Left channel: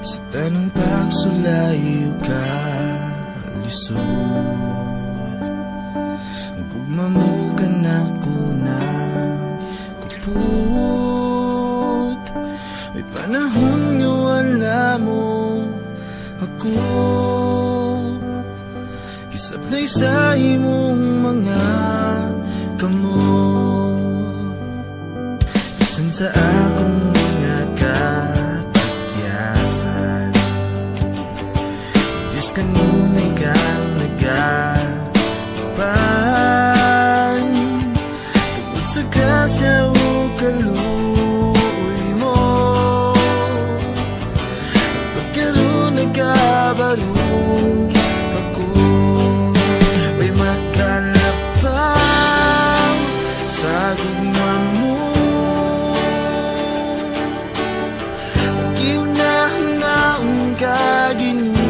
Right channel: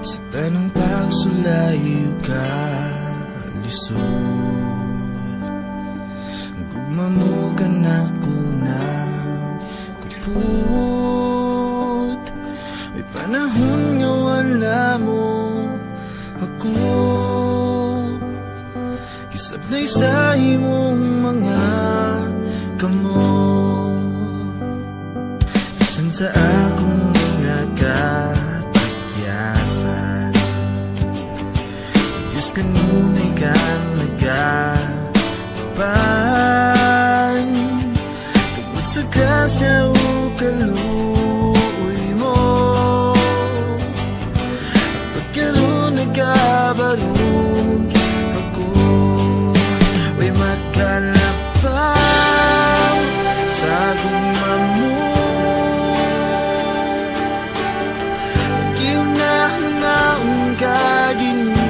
Sa tanong pagsulayo ka lisod, gugma mo ka na kunang kaput. May panahon na wala mo ako, kisap na isa imong mga kamot. Isan sa akong mga katigyasan, Diyos kanunay kang nagkakapan. Tungkol sa kasya o kaluoy mo, pagkaroon nagkabarong ako. May makalapang sa gugman mo, ginahang ka Ginoo.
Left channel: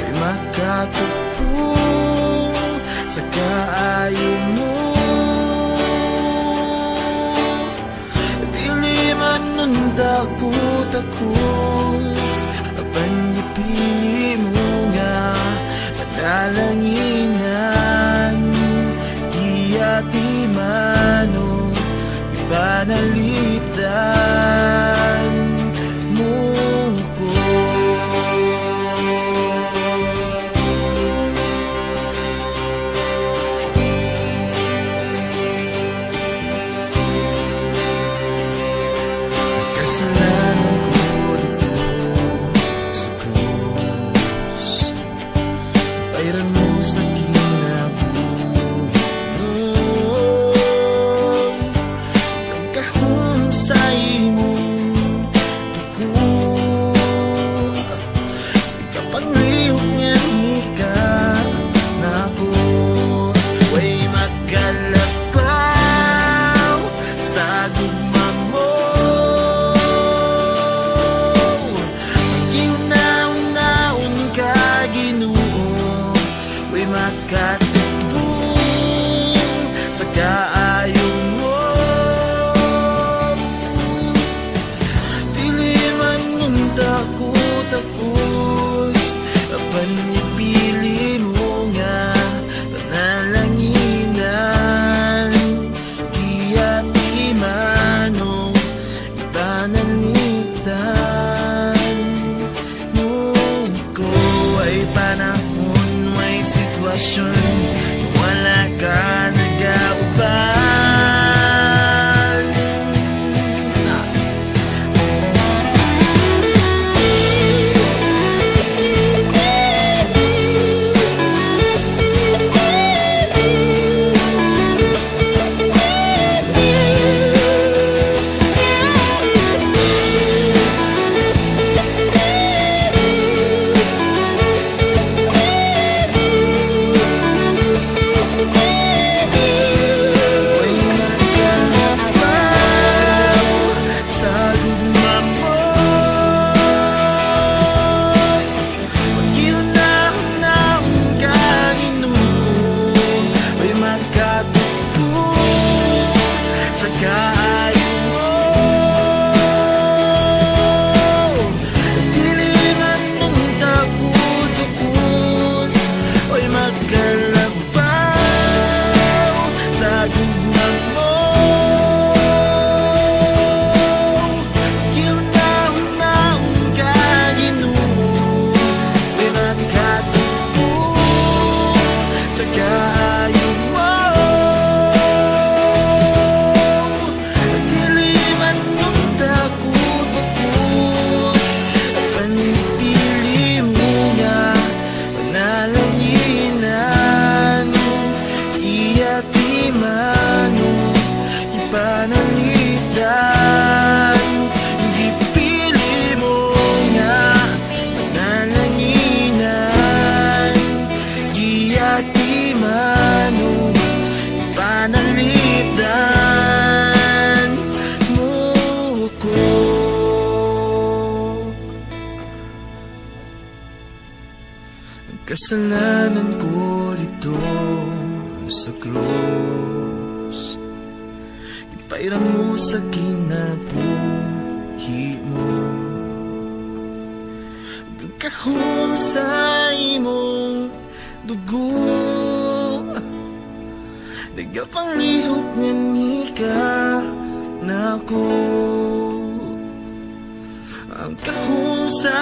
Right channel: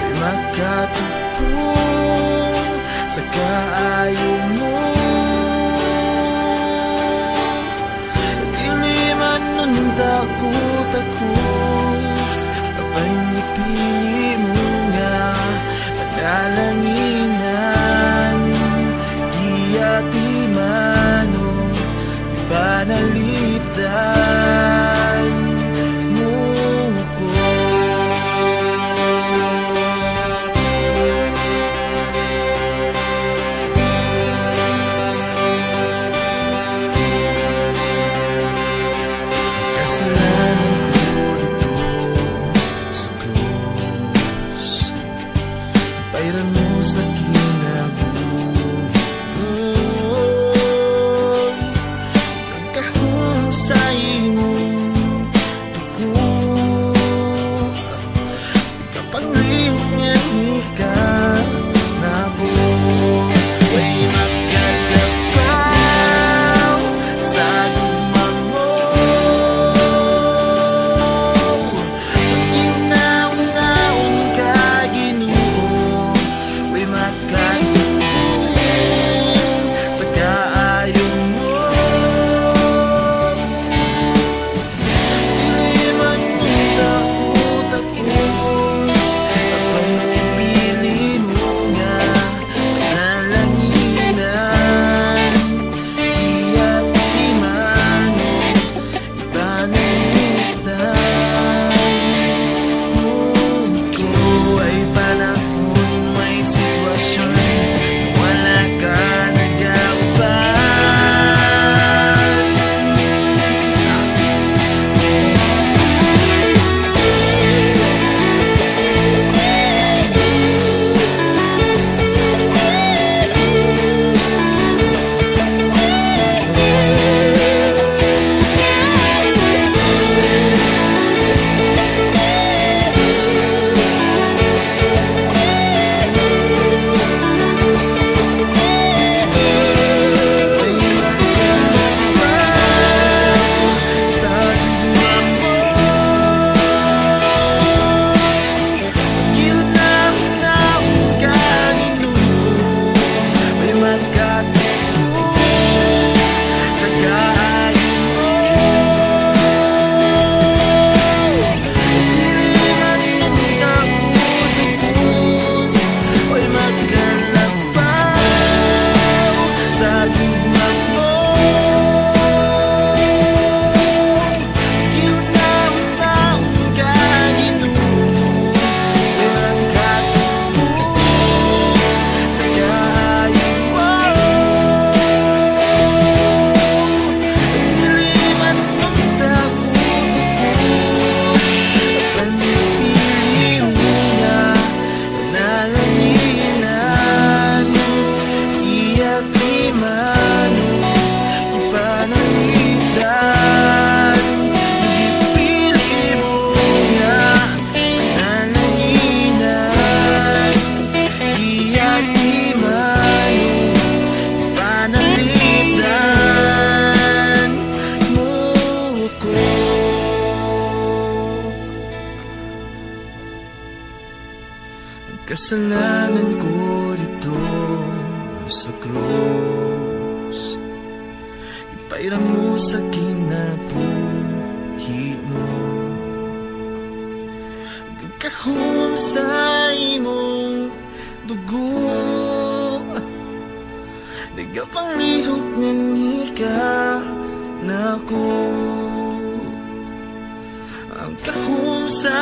May makatupong sa kaayo mo, hindi man nung takot-takos at ang napili mo nga panalanginan. Di atimano, di banalitan mo ko. Kasalanan ko dito sa Diyos, pairan mo sa kinabuhi mo. Pagkahusay mong dugo, ikapangyayari ka na ako. May nakalapang sa gugman mo, ginahang ka Ginoo. May makatupong sa kaayo mo, hindi man takot-takos at ang napili mo nga panalanginan. Di atimano, ipanalitan mo ko. Ay panahon, may sitwasyon, wala ka nagawa. Sa gugman mo, ginahang ka Ginoo. May makatupong sa kaayo mo, hindi man takot-takos. May makalapang sa gugman mo, ginahang ka Ginoo. May makatupong sa kaayo mo, hindi man takot-takos at ang napili mo nga panalanginan. Di atimano, di panalitan. Di pili mo nga panalanginan. Di atimano, di panalitan mo ko. Ang kasalanan ko dito sa krus, ipairan mo sa kinabuhi mo. kahong sa imong dugo. Nagapanglihok nga nika na ko ang kahong sa